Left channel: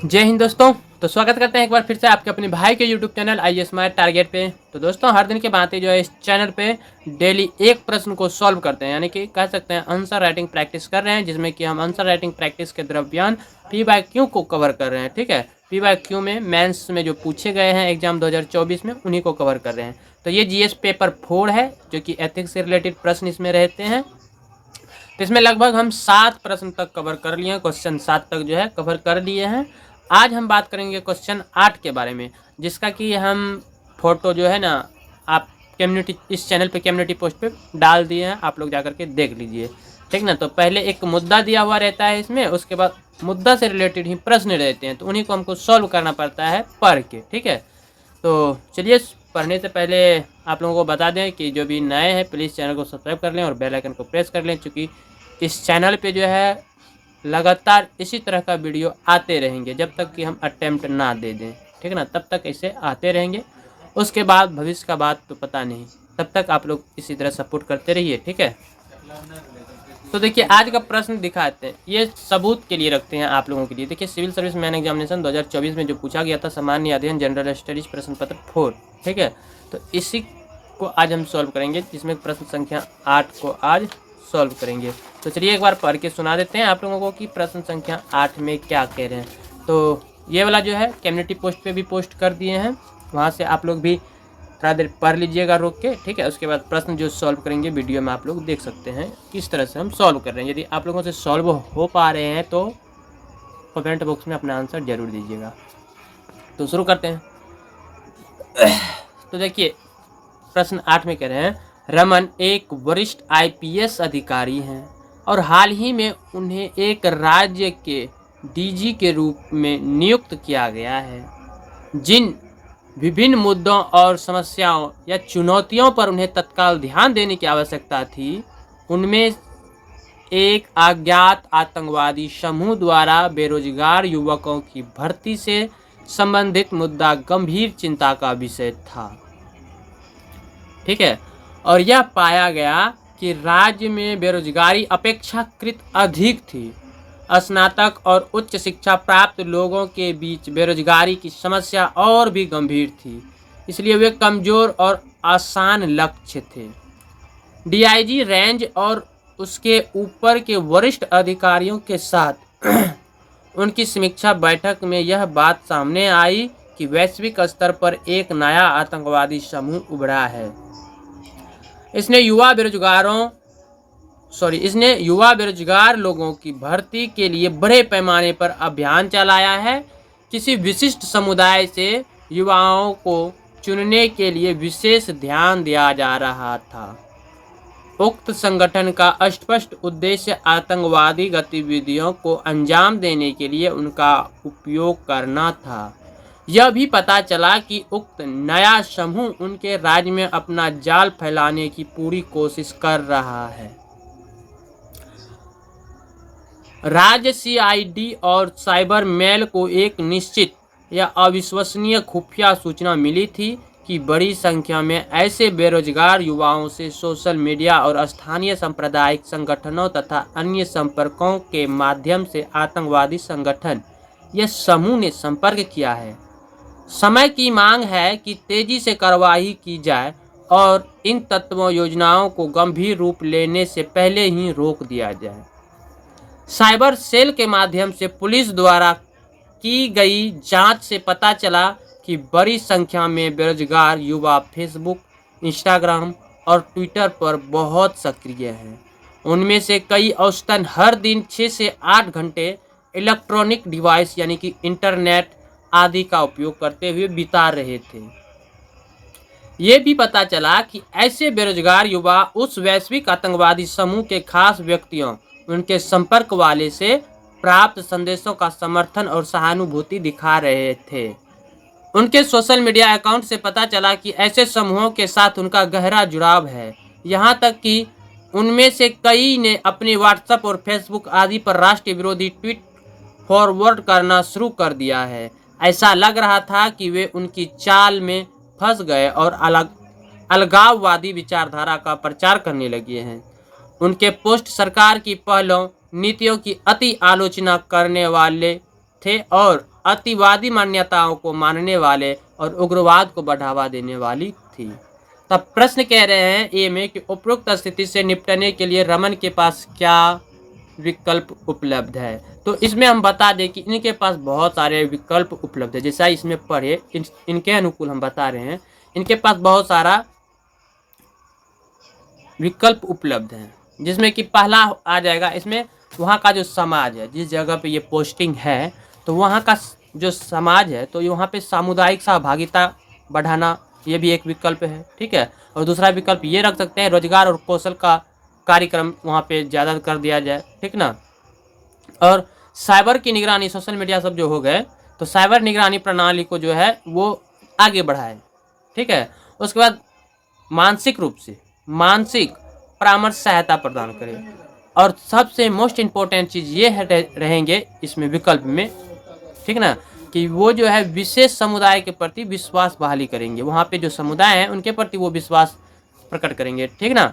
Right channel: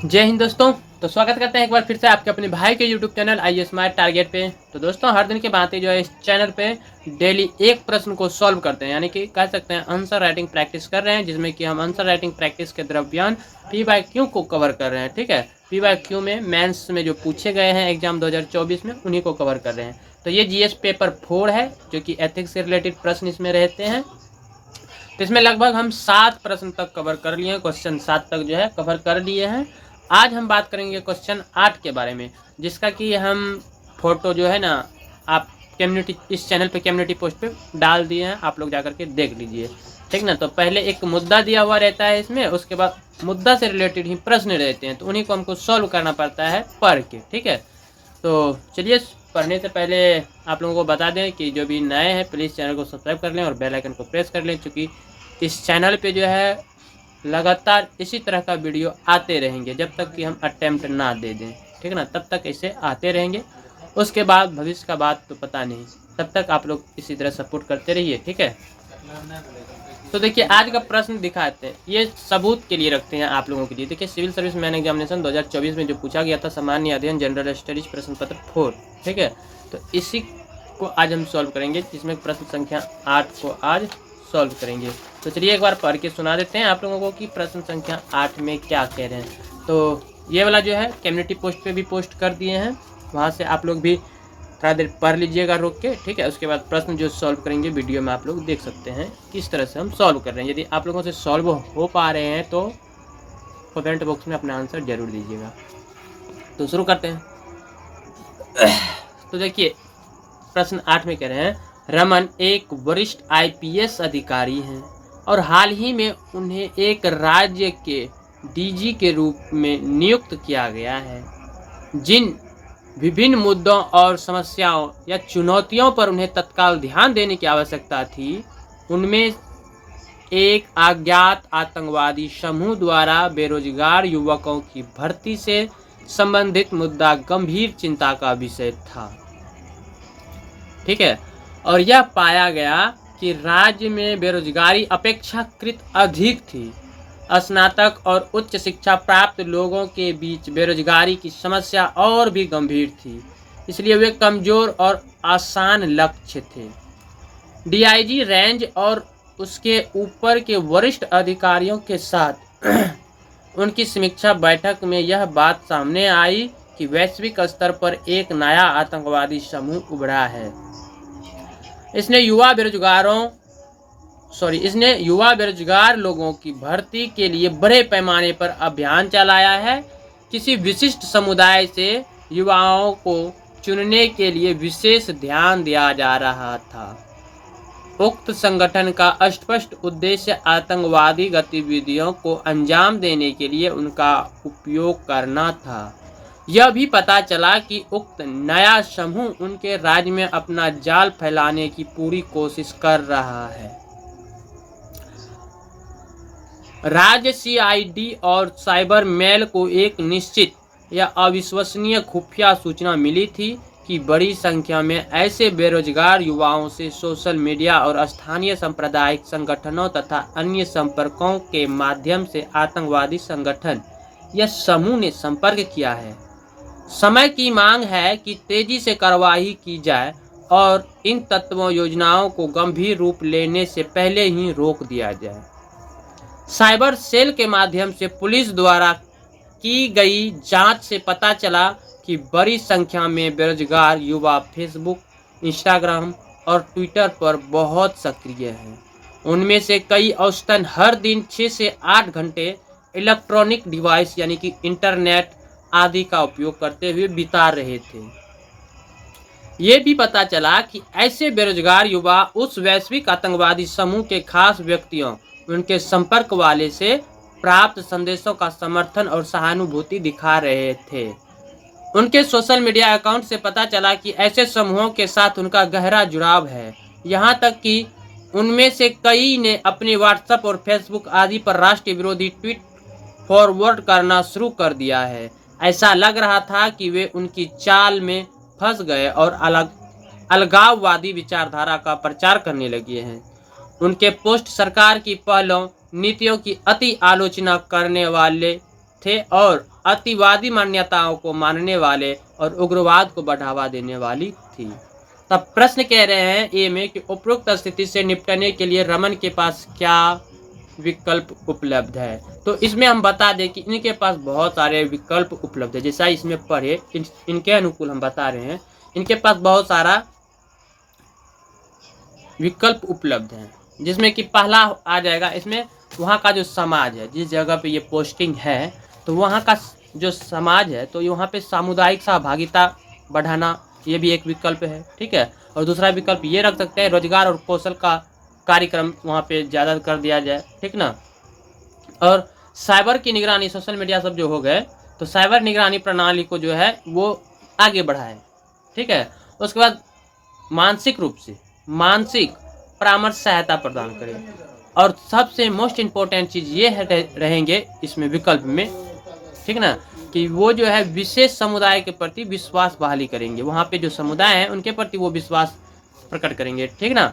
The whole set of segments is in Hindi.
जय हिंद दोस्तों। तो स्वागत करते हैं एक बार फिर से आपके अपने भाई के यूट्यूब चैनल आई स्मार्ट टारगेट पे। तो दोस्तों हर दिन के भांति जो है इस चैनल पे डेली एक प्रश्न को सॉल्व करते हैं, यानी कि कह सकते हैं आंसर राइटिंग प्रैक्टिस कर रहे हैं, जिसमें कि हम आंसर राइटिंग प्रैक्टिस के द्रव्यान पी बाय क्यू को कवर कर रहे हैं। ठीक है, पी बाय क्यू में मेंस में जो पूछे गए हैं एग्जाम 2024 में उन्हीं को कवर कर रहे हैं। तो ये जीएस पेपर 4 है, जो कि एथिक्स से रिलेटेड प्रश्न इसमें रहते हैं। तो इसमें लगभग हम 7 प्रश्न तक कवर कर लिए हैं, क्वेश्चन 7 तक जो है कवर कर लिए हैं। आज हम बात करेंगे क्वेश्चन 8 के बारे में, जिसका कि हम फोटो जो है ना आप कम्युनिटी इस चैनल पे कम्युनिटी पोस्ट पे डाल दिए हैं, आप लोग जाकर के देख लीजिए। ठीक ना। तो पहले एक मुद्दा दिया हुआ रहता है इसमें, उसके बाद मुद्दा से रिलेटेड ही प्रश्न रहते हैं, तो उन्हीं को हमको सॉल्व करना पड़ता है पढ़ के। ठीक है, तो चलिए पढ़ने से पहले आप लोगों को बता दें कि जो भी नए हैं प्लीज़ चैनल को सब्सक्राइब कर लें और बेल आइकन को प्रेस कर लें, क्योंकि इस चैनल पे जो है लगातार इसी तरह का वीडियो आते रहेंगे जब तक कि हम अटेम्प्ट ना दे दें। ठीक है ना, तब तक ऐसे आते रहेंगे। उसके बाद भविष्य का बात तो पता नहीं, तब तक आप लोग इसी तरह सपोर्ट करते रहिए। ठीक है, तो देखिए आज का प्रश्न दिखाते हैं, ये सबूत के लिए रखते हैं आप लोगों के लिए। देखिए सिविल सर्विस मैन एग्जामिनेशन 2024 में जो पूछा गया था सामान्य अध्ययन जनरल स्टडीज प्रश्न पत्र 4। ठीक है, तो इसी को आज हम सॉल्व करेंगे, जिसमें प्रश्न संख्या 8 को आज सॉल्व करेंगे। तो चलिए एक बार पढ़ के सुना देते हैं आप लोगों को कि प्रश्न संख्या 8 में क्या कह रहे हैं। तो ये वाला जो है कम्युनिटी पोस्ट पे भी पोस्ट कर दिए हैं, वहाँ से आप लोग भी थोड़ा देर पढ़ लीजिएगा रोक के। ठीक है, उसके बाद प्रश्न जो सॉल्व करेंगे वीडियो में आप लोग देख सकते हैं किस तरह से हम सॉल्व कर रहे हैं। यदि आप लोगों से सॉल्व हो पा रहे हैं तो कमेंट बॉक्स में अपना आंसर जरूर दीजिएगा। तो शुरू करते हैं। तो देखिए प्रश्न 8 में कह रहे हैं, रमन एक वरिष्ठ आईपीएस अधिकारी हैं और हाल ही में उन्हें एक राज्य के डीजी के रूप में नियुक्त किया गया है। जिन विभिन्न मुद्दों और समस्याओं या चुनौतियों पर उन्हें तत्काल ध्यान देने की आवश्यकता थी, उनमें एक अज्ञात आतंकवादी समूह द्वारा बेरोजगार युवकों की भर्ती से संबंधित मुद्दा गंभीर चिंता का विषय था। ठीक है, और यह पाया गया कि राज्य में बेरोजगारी अपेक्षाकृत अधिक थी। स्नातक और उच्च शिक्षा प्राप्त लोगों के बीच बेरोजगारी की समस्या और भी गंभीर थी, इसलिए वे कमजोर और आसान लक्ष्य थे। डीआईजी रेंज और उसके ऊपर के वरिष्ठ अधिकारियों के साथ उनकी समीक्षा बैठक में यह बात सामने आई कि वैश्विक स्तर पर एक नया आतंकवादी समूह उभरा है। इसने युवा बेरोजगार लोगों की भर्ती के लिए बड़े पैमाने पर अभियान चलाया है। किसी विशिष्ट समुदाय से युवाओं को चुनने के लिए विशेष ध्यान दिया जा रहा था। उक्त संगठन का स्पष्ट उद्देश्य आतंकवादी गतिविधियों को अंजाम देने के लिए उनका उपयोग करना था। यह भी पता चला कि उक्त नया समूह उनके राज्य में अपना जाल फैलाने की पूरी कोशिश कर रहा है। राज्य सीआईडी और साइबर मेल को एक निश्चित या अविश्वसनीय खुफिया सूचना मिली थी कि बड़ी संख्या में ऐसे बेरोजगार युवाओं से सोशल मीडिया और स्थानीय सांप्रदायिक संगठनों तथा अन्य संपर्कों के माध्यम से आतंकवादी संगठन या समूह ने संपर्क किया है। समय की मांग है कि तेजी से कार्रवाई की जाए और इन तत्वों योजनाओं को गंभीर रूप लेने से पहले ही रोक दिया जाए। साइबर सेल के माध्यम से पुलिस द्वारा की गई जांच से पता चला कि बड़ी संख्या में बेरोजगार युवा फेसबुक, इंस्टाग्राम और ट्विटर पर बहुत सक्रिय हैं। उनमें से कई औसतन हर दिन 6 से 8 घंटे इलेक्ट्रॉनिक डिवाइस यानी कि इंटरनेट आदि का उपयोग करते हुए बिता रहे थे। ये भी पता चला कि ऐसे बेरोजगार युवा उस वैश्विक आतंकवादी समूह के खास व्यक्तियों, उनके संपर्क वाले से प्राप्त संदेशों का समर्थन और सहानुभूति दिखा रहे थे। उनके सोशल मीडिया अकाउंट से पता चला कि ऐसे समूहों के साथ उनका गहरा जुड़ाव है। यहाँ तक कि उनमें से कई ने अपने व्हाट्सएप और फेसबुक आदि पर राष्ट्र विरोधी ट्वीट फॉरवर्ड करना शुरू कर दिया है। ऐसा लग रहा था कि वे उनकी चाल में फंस गए और अलगाववादी विचारधारा का प्रचार करने लगे हैं। उनके पोस्ट सरकार की पहलों, नीतियों की अति आलोचना करने वाले थे और अतिवादी मान्यताओं को मानने वाले और उग्रवाद को बढ़ावा देने वाली थी। तब प्रश्न कह रहे हैं ए में कि उपरोक्त स्थिति से निपटने के लिए रमन के पास क्या विकल्प उपलब्ध है। तो इसमें हम बता दें कि इनके पास बहुत सारे विकल्प उपलब्ध है। जैसा इसमें पढ़े इनके अनुकूल हम बता रहे हैं, इनके पास बहुत सारा विकल्प उपलब्ध है, जिसमें कि पहला आ जाएगा इसमें वहाँ का जो समाज है, जिस जगह पे ये पोस्टिंग है तो वहाँ का जो समाज है तो वहाँ पे सामुदायिक सहभागिता बढ़ाना, ये भी एक विकल्प है। ठीक है, और दूसरा विकल्प ये रख सकते हैं रोजगार और कौशल का कार्यक्रम वहाँ पे ज़्यादा कर दिया जाए। ठीक ना, और साइबर की निगरानी, सोशल मीडिया सब जो हो गए तो साइबर निगरानी प्रणाली को जो है वो आगे बढ़ाए। ठीक है, उसके बाद मानसिक रूप से मानसिक परामर्श सहायता प्रदान करें, और सबसे मोस्ट इम्पोर्टेंट चीज़ ये है रहेंगे इसमें विकल्प में, ठीक ना, कि वो जो है विशेष समुदाय के प्रति विश्वास बहाली करेंगे। वहाँ पे जो समुदाय है उनके प्रति वो विश्वास प्रकट करेंगे। ठीक ना,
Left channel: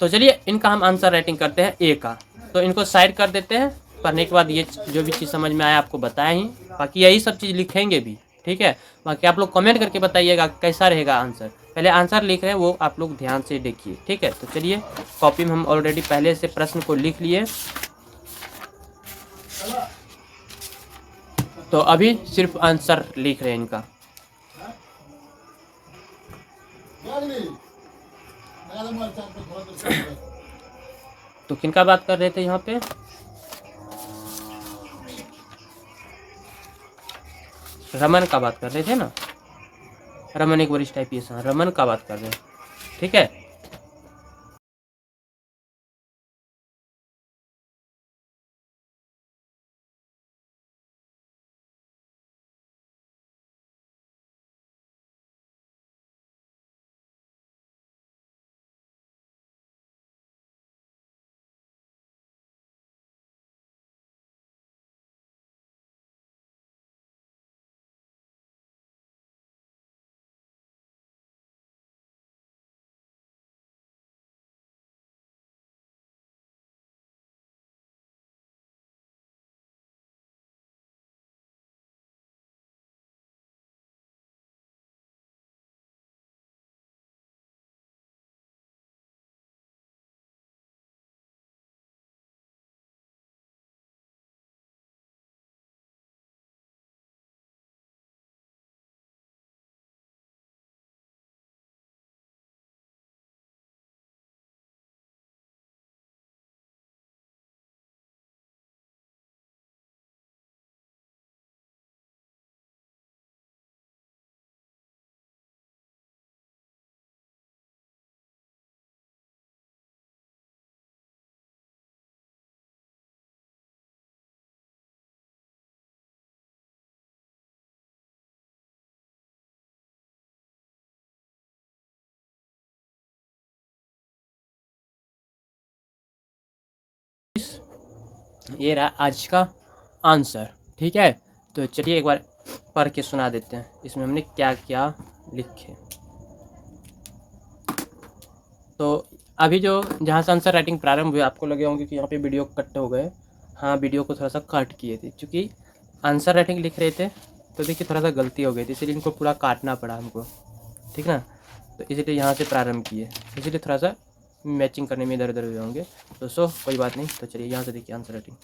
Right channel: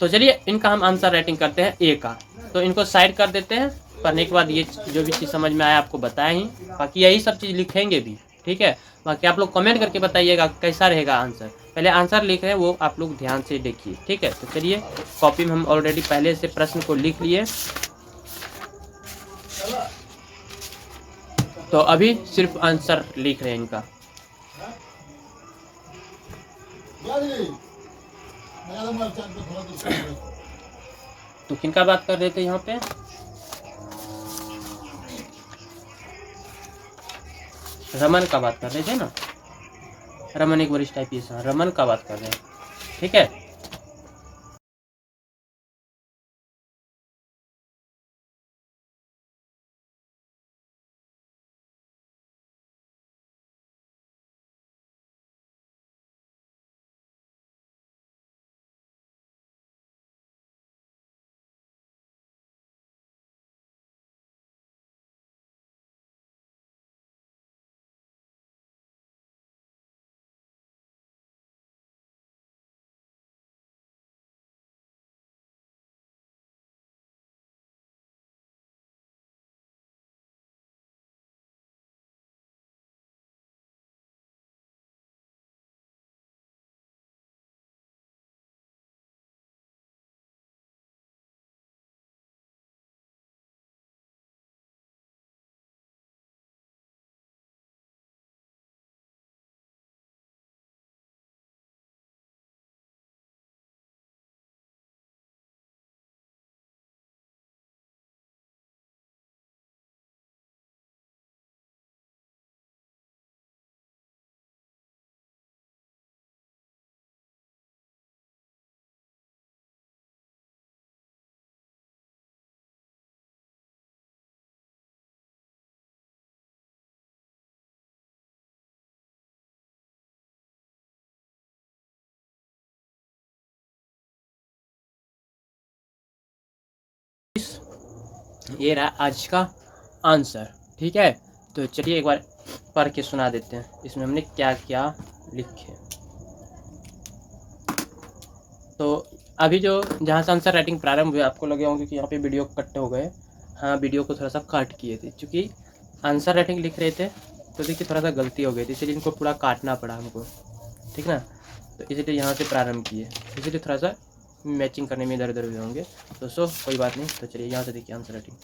तो चलिए इनका हम आंसर राइटिंग करते हैं ए का। तो इनको साइड कर देते हैं, पढ़ने के बाद ये जो भी चीज़ समझ में आया आपको बताएं ही, बाकी यही सब चीज़ लिखेंगे भी। ठीक है, बाकी आप लोग कमेंट करके बताइएगा कैसा रहेगा आंसर। पहले आंसर लिख रहे हैं वो आप लोग ध्यान से देखिए। ठीक है, तो चलिए कॉपी में हम ऑलरेडी पहले से प्रश्न को लिख लिए, तो अभी सिर्फ आंसर लिख रहे हैं इनका। तो किनका बात कर रहे थे यहाँ पे, रमन का बात कर रहे थे ना, रमन एक वरिष्ठ IPS है, रमन का बात कर रहे हैं। ठीक है, ये रहा आज का आंसर। ठीक है, तो चलिए एक बार पढ़ के सुना देते हैं इसमें हमने क्या क्या लिखे। तो अभी जो जहाँ से आंसर राइटिंग प्रारंभ हुई, आपको लगे होंगे कि यहाँ पे वीडियो कट हो गए। हाँ, वीडियो को थोड़ा सा कट किए थे क्योंकि आंसर राइटिंग लिख रहे थे तो देखिए थोड़ा सा गलती हो गई थी, इसलिए इनको पूरा काटना पड़ा हमको। ठीक ना, तो इसीलिए यहाँ से प्रारंभ किए, इसीलिए थोड़ा सा मैचिंग करने में इधर उधर हुए होंगे। तो कोई बात नहीं। तो चलिए यहाँ से देखिए आंसर राइटिंग।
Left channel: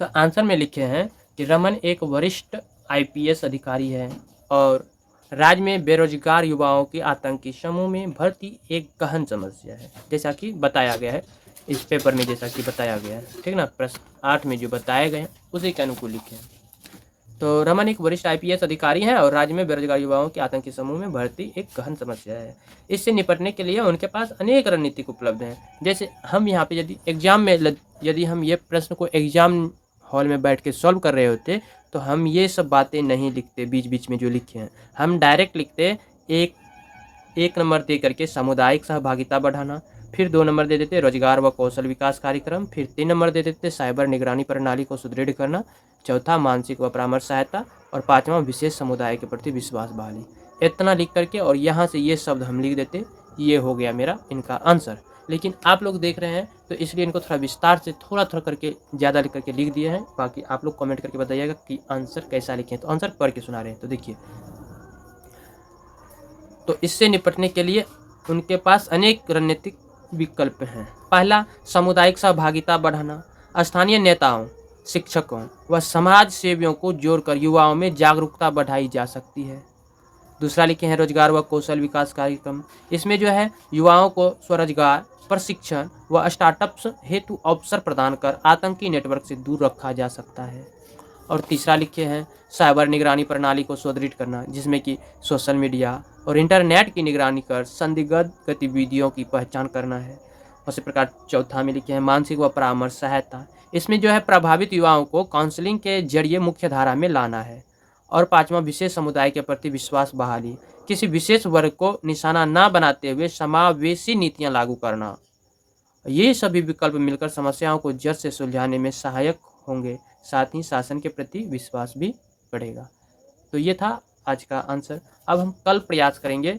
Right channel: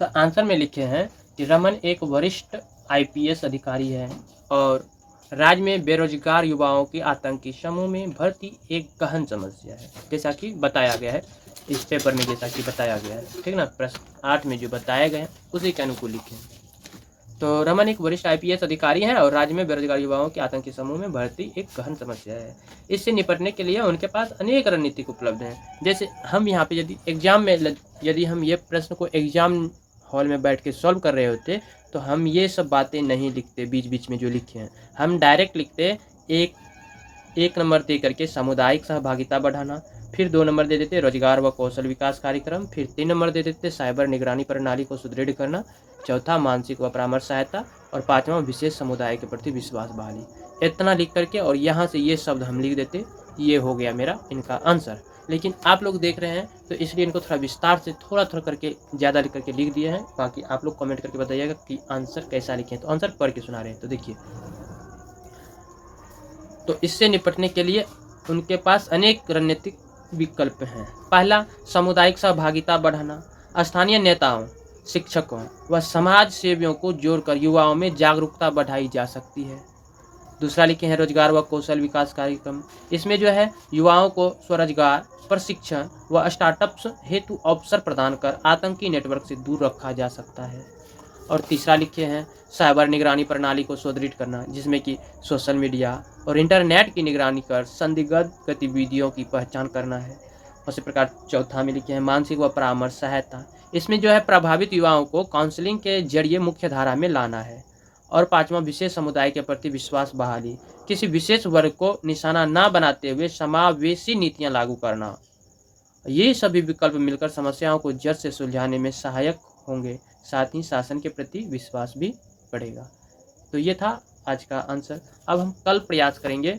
तो आंसर में लिखे हैं कि रमन एक वरिष्ठ IPS अधिकारी है और राज्य में बेरोजगार युवाओं के आतंकी समूह में भर्ती एक गहन समस्या है, जैसा कि बताया गया है इस पेपर में, जैसा कि बताया गया है। ठीक ना, प्रश्न 8 में जो बताए गए हैं उसी के अनुकूल लिखे हैं। तो रमन एक वरिष्ठ IPS अधिकारी हैं और राज्य में बेरोजगार युवाओं के आतंकी समूह में भर्ती एक गहन समस्या है। इससे निपटने के लिए उनके पास अनेक रणनीतिक उपलब्ध हैं। जैसे हम यहाँ पे यदि एग्जाम में यदि हम ये प्रश्न को एग्जाम हॉल में बैठ के सॉल्व कर रहे होते तो हम ये सब बातें नहीं लिखते बीच बीच में जो लिखे हैं, हम डायरेक्ट लिखते एक नंबर दे करके सामुदायिक सहभागिता बढ़ाना, फिर 2 नंबर दे देते रोजगार व कौशल विकास कार्यक्रम, फिर 3 नंबर दे देते साइबर निगरानी प्रणाली को सुदृढ़ करना, चौथा मानसिक व परामर्श सहायता, और 5वां विशेष समुदाय के प्रति विश्वास बहाली। इतना लिख करके और यहाँ से ये शब्द हम लिख देते, ये हो गया मेरा इनका आंसर। लेकिन आप लोग देख रहे हैं तो इसलिए इनको थोड़ा विस्तार से थोड़ा थोड़ा करके ज़्यादा करके लिख दिए हैं। बाकी आप लोग कमेंट करके बताइएगा कि आंसर कैसा लिखे हैं। तो आंसर पढ़ के सुना रहे हैं। तो देखिए, तो इससे निपटने के लिए उनके पास अनेक रणनीतिक विकल्प हैं। पहला, सामुदायिक सहभागिता बढ़ाना। स्थानीय नेताओं, शिक्षकों व समाज सेवियों को जोड़कर युवाओं में जागरूकता बढ़ाई जा सकती है। दूसरा लिखे हैं रोजगार व कौशल विकास कार्यक्रम। इसमें जो है युवाओं को स्वरोजगार, प्रशिक्षण व स्टार्टअप्स हेतु अवसर प्रदान कर आतंकी नेटवर्क से दूर रखा जा सकता है। और तीसरा लिखे हैं साइबर निगरानी प्रणाली को सुदृढ़ करना, जिसमें कि सोशल मीडिया और इंटरनेट की निगरानी कर संदिग्ध गतिविधियों की पहचान करना है। उसी प्रकार चौथा में लिखे हैं मानसिक व परामर्श सहायता। इसमें जो है प्रभावित युवाओं को काउंसलिंग के जरिए मुख्य धारा में लाना है। और पांचवा, विशेष समुदाय के प्रति विश्वास बहाली। किसी विशेष वर्ग को निशाना न बनाते हुए समावेशी नीतियां लागू करना। ये सभी विकल्प मिलकर समस्याओं को जड़ से सुलझाने में सहायक होंगे। साथ ही शासन के प्रति विश्वास भी बढ़ेगा। तो ये था आज का आंसर। अब हम कल प्रयास करेंगे,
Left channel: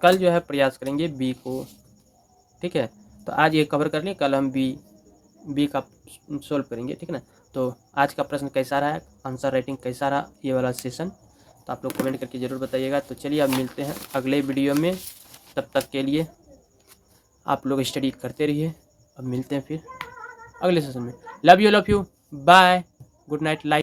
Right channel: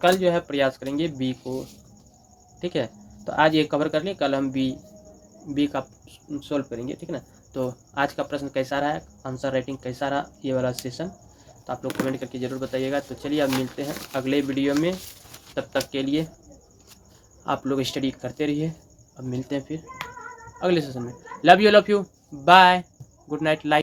कल जो है प्रयास करेंगे बी को। ठीक है, तो आज ये कवर कर लें, कल हम बी का सोल्व करेंगे। ठीक है ना। तो आज का प्रश्न कैसा रहा, आंसर राइटिंग कैसा रहा, ये वाला सेशन, तो आप लोग कमेंट करके ज़रूर बताइएगा। तो चलिए अब मिलते हैं अगले वीडियो में। तब तक के लिए आप लोग स्टडी करते रहिए। अब मिलते हैं फिर अगले सेशन में। Love you bye, good night. Like